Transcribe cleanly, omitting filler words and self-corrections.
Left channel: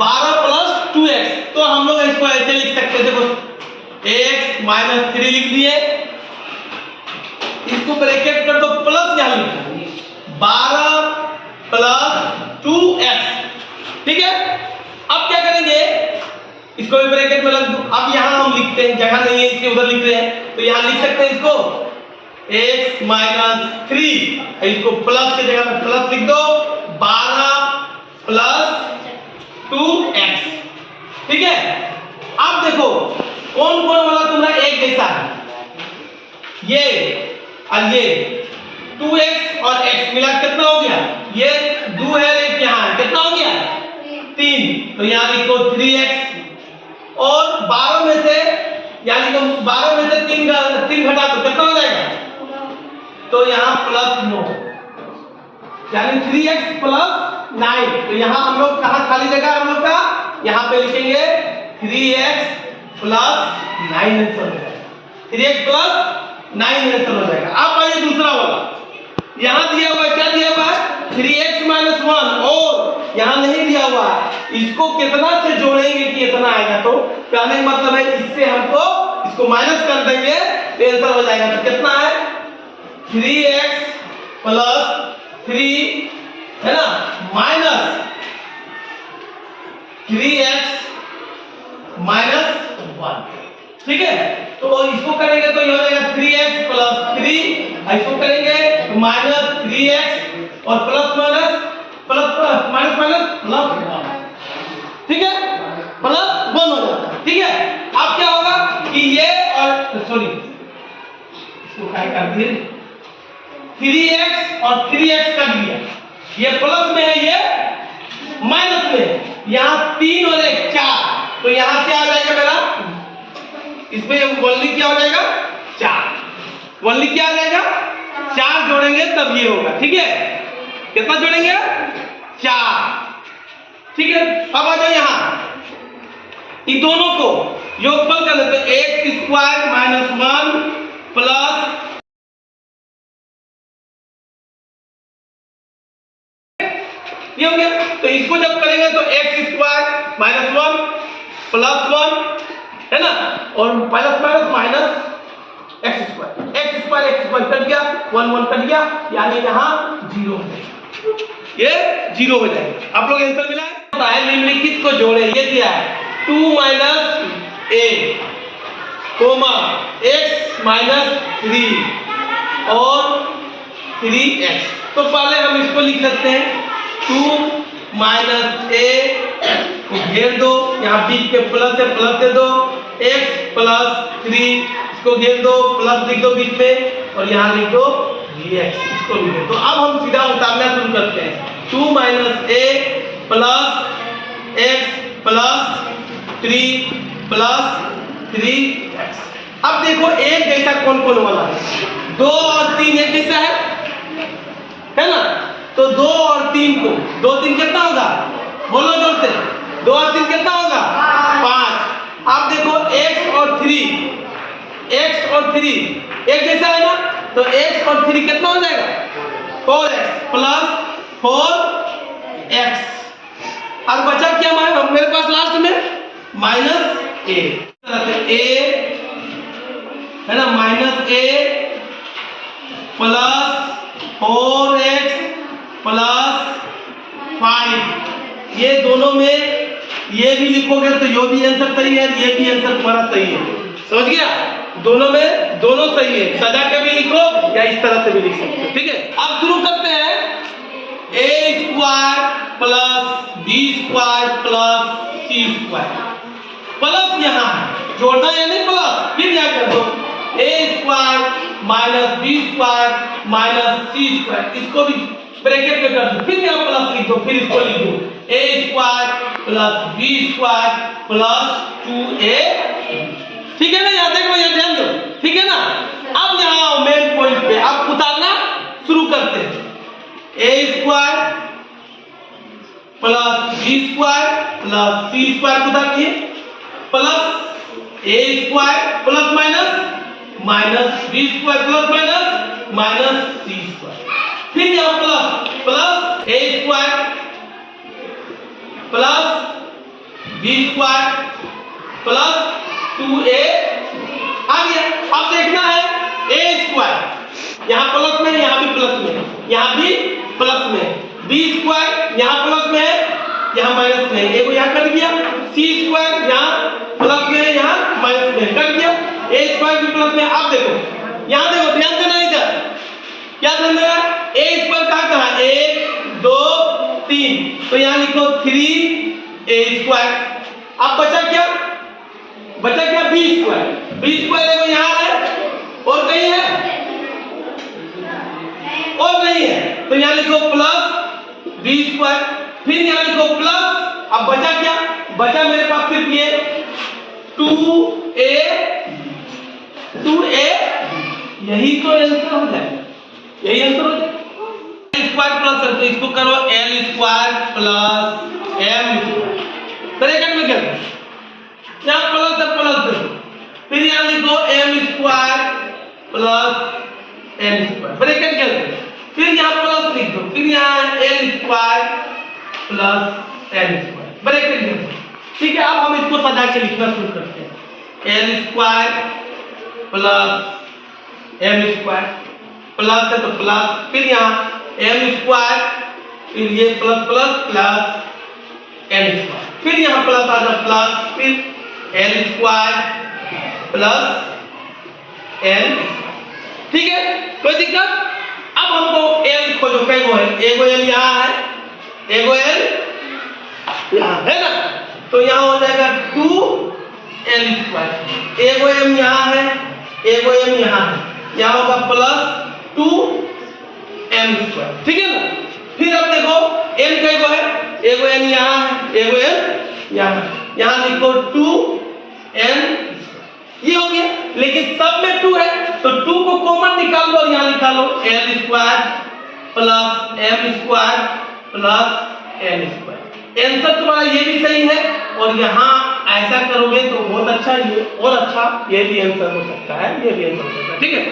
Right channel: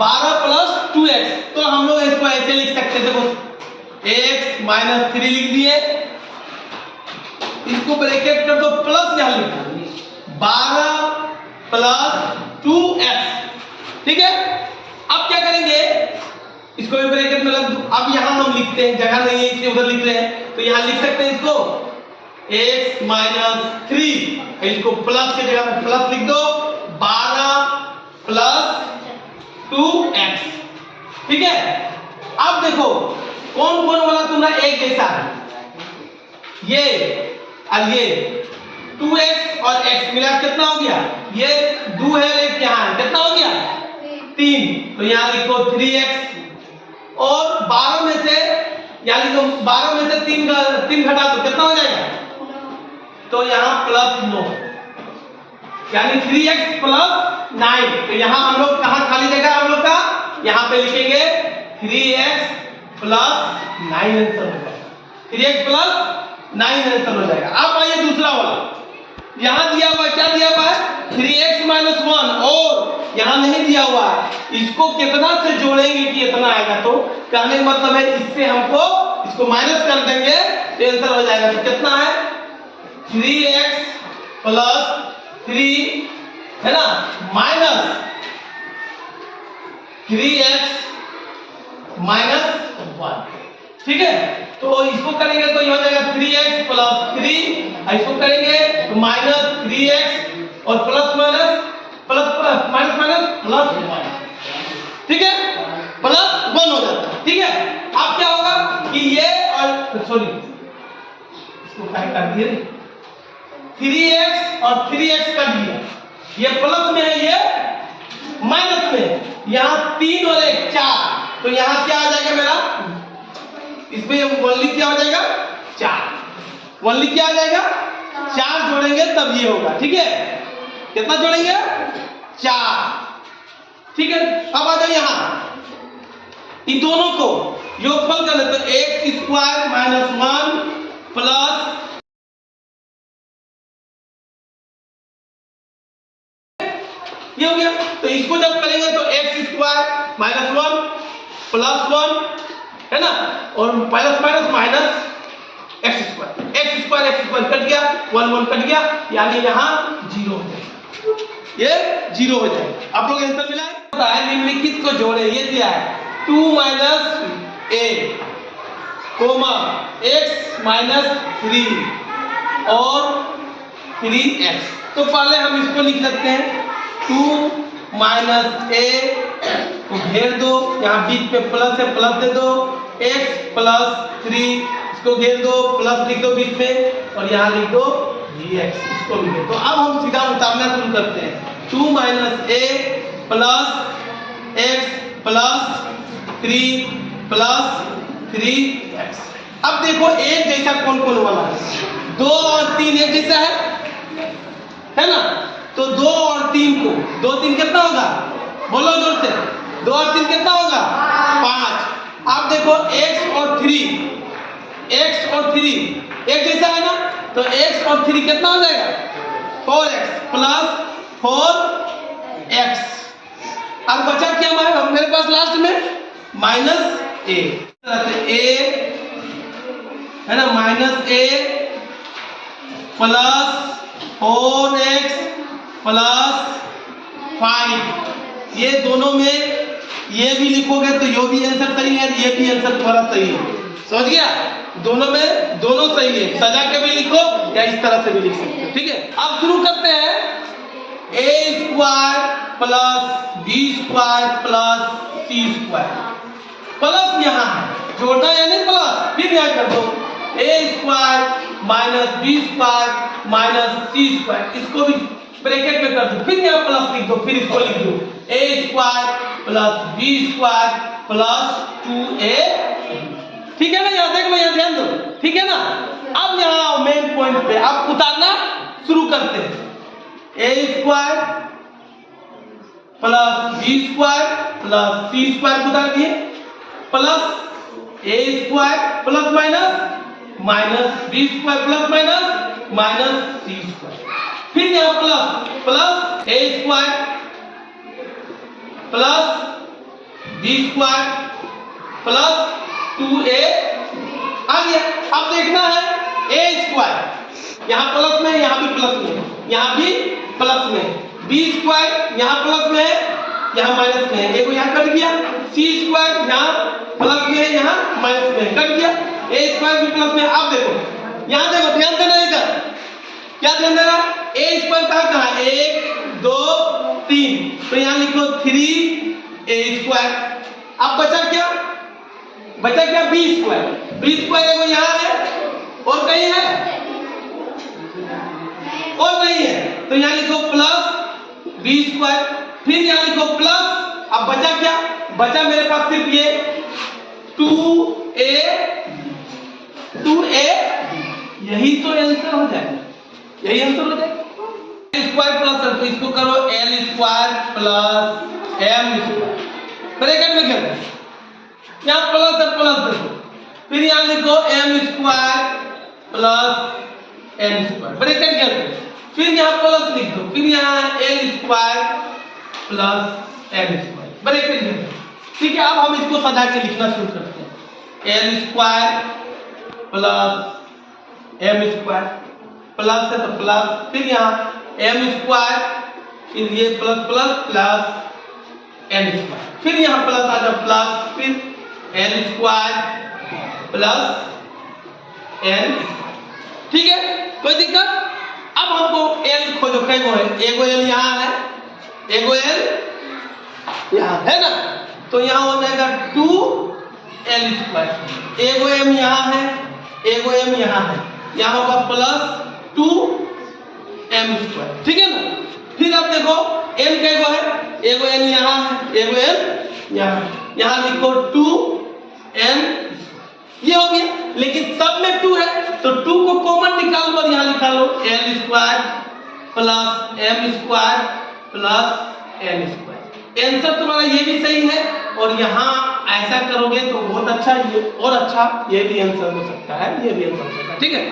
12 plus 2x। तो हम लोग इसको ऐसे लिख सकते हैं, देखो x माइनस 3 लिख दिए, इसको ब्रैकेट कर दो, प्लस यहां लिख दो 12 प्लस 2x। ठीक है, अब क्या करेंगे, इसको भी ब्रैकेट में लग दो। अब यहां हम लिखते हैं, जगह नहीं है इसके उधर लिख रहे हैं, तो यहां लिख सकते हैं इसको x माइनस 3, इसको प्लस की जगह में प्लस लिख दो 12 प्लस 2x। ठीक है, अब देखो कौन कौन वाला तुम्हारा एक जैसा है, ये और ये 2x और x मिला कितना हो गया, ये 2 है एक यहां कितना हो गया 3, तो यहां लिखो 3x और 12 में से यहां लिखो 12 में से 3 घटा तो कितना हो जाएगा, तो यहां प्लस 9 यानी 3x प्लस 9। तो यहां हम लोग कहां खाली जगह हम लोग का, यहां पे लिखेंगे 3x प्लस 9 आंसर हो जाएगा, 3x प्लस 9 आंसर हो जाएगा। अब आइए दूसरा वाला, यहां दिया हुआ क्या दिया हुआ है 3x माइनस 1 और यहां नहीं दिया हुआ है, इसको कितना से जोड़ेंगे कि इतना आएगा, तो कहने का मतलब है इससे हमको इसको माइनस कर देंगे तो आंसर हो जाएगा। तो कितना है 3x प्लस 3 है ना माइनस 3x माइनस 1। ठीक है, तो इसको करेंगे तो ये हो जाएगा 3x प्लस 3, इसको करेंगे तो माइनस 3x और plus minus plus minus minus plus. ठीक है, प्लस 1 हो जाता है। ठीक है, अब क्या होगा कि ये और सॉरी इसको क्या कर दिए 3x और 3x कर दिया, ये प्लस में है ये माइनस में है, यहां 3 और 1 4, तो यहां क्या आ जाएगा मेरा, इसमें वनली क्या हो जाएगा 4, वनली क्या आ जाएगा 4 जोड़ेंगे तब ये होगा। ठीक है, कितना जोड़ेंगे 4। ठीक है, अब आ जाओ यहां इन दोनों को योगफल कर लेते, तो x स्क्वायर माइनस 1 प्लस ये हो गया। तो इसको जब करेंगे तो x स्क्वायर माइनस 1 प्लस 1 है ना, और plus minus minus x square cut गया, 1 1 कट गया, यानी यहाँ 0 हो जाएगा, ये 0 हो जाएगा। आप लोग आंसर मिला है, निम्नलिखित को जोड़े, ये दिया है 2 minus a comma x minus 3 और 3x। तो पहले हम इसको लिख सकते हैं 2 माइनस a को घेर दो, यहाँ बीच पे प्लस है प्लस दे दो, x प्लस 3 इसको घेर दो प्लस लिख दो बीच में और यहाँ लिख दो dx, इसको लिख दो। तो अब हम सीधा उतारना शुरू करते हैं, 2 minus a plus x plus 3 plus 3x। अब देखो एक जैसा कौन कौन वाला है, 2 और 3 एक जैसा है ना, तो 2 और 3 को 2 3 कितना होगा, बोलो जोर से, 2 और 3 कितना होगा 5। अब देखो x और 3 एक जैसा है ना, तो x और 3 कितना हो जाएगा 4x प्लस 4x। अब बचा क्या मेरे पास लास्ट में माइनस a, है ना, minus a plus 4x plus 5। ये दोनों में ये भी लिखोगे तो ये भी आंसर सही है, ये भी आंसर तुम्हारा सही है, समझ गया, दोनों में दोनों सही है, सजा के भी लिख लो या इस तरह से भी लिख सकते हो। ठीक है, अब शुरू करते हैं, a square plus b square plus c square, plus यहाँ है जोड़ना यानी प्लस, फिर यहाँ कर दो a square minus b square minus c square, इसको भी ब्रैकेट में कर दो, फिर यहाँ प्लस लिख दो, फिर इसको लिख दो a square plus b square plus 2a। ठीक है ना, यहाँ देखो यहाँ ध्यान दो, ठीक है ना। अब यहाँ मेन पॉइंट पे अब उतारना शुरू करते हैं, a square plus b square plus c square उतार दिए, plus a square plus minus minus b square plus minus minus c square, फिर यहाँ plus plus a square plus B square plus 2a आ गया। अब देखना है a स्क्वायर, यहाँ प्लस में है, यहाँ भी प्लस में है, यहाँ भी प्लस में है, बी स्क्वायर यहाँ प्लस में है, यहाँ माइनस में है, एक यहाँ कट गया, सी स्क्वायर यहाँ प्लस में है, यहाँ माइनस में है, कट गया, ए स्क्वायर भी प्लस में। अब देखो यहाँ देखो, ध्यान देना इधर, क्या ध्यान देना, ए स्क्वायर कहाँ है, 1 2 3, तो यहाँ लिखो 3a स्क्वायर। अब बचा क्या, बचा क्या, बी स्क्वायर। बी स्क्वायर देखो यहाँ है और कहीं है, और नहीं है, तो यहाँ लिखो प्लस बी स्क्वायर, फिर यहाँ लिखो प्लस। अब बचा क्या, बचा मेरे पास सिर्फ ये 2a, यही तो आंसर हो जाएगा, यही आंसर हो जाएगा। स्क्वायर प्लस है तो इसको करो L square plus M square, bracket में क्या है, यहाँ प्लस है, प्लस देखो, फिर यहाँ लिखो M square plus M square, bracket क्या है, फिर यहाँ प्लस लिख दो, फिर यहाँ L square plus M square, bracket लिख दो। ठीक है, अब हम इसको सजा के लिखना शुरू करते हैं, L square plus M square, plus है तो प्लस, फिर यहाँ एम स्क्वायर, फिर ये plus plus plus M square, फिर यहाँ प्लस आ जाओ प्लस, फिर एल स्क्वायर प्लस एल। ठीक है, कोई दिक्कत। अब हमको एल खोजो, कैगो है, एगो एल यहाँ है, एगो एल यहाँ है ना, तो यहाँ हो जाएगा 2l स्क्वायर, एगो एम यहाँ है, एगो एम यहाँ है, यहाँ होगा प्लस 2m स्क्वायर। ठीक है ना, फिर अब देखो m कैगो है, एगो n यहाँ है, एगो n यहाँ, यहाँ लिखो 2n, ये हो गया। लेकिन सब में 2 है तो 2 को कॉमन निकाल लो और यहाँ लिखा लो l square plus m square plus n square. Answer तुम्हारा ये भी सही है, और यहाँ ऐसा करोगे तो बहुत अच्छा, ये और अच्छा, ये भी आंसर हो सकता है, ये भी आंसर हो सकता है। ठीक है।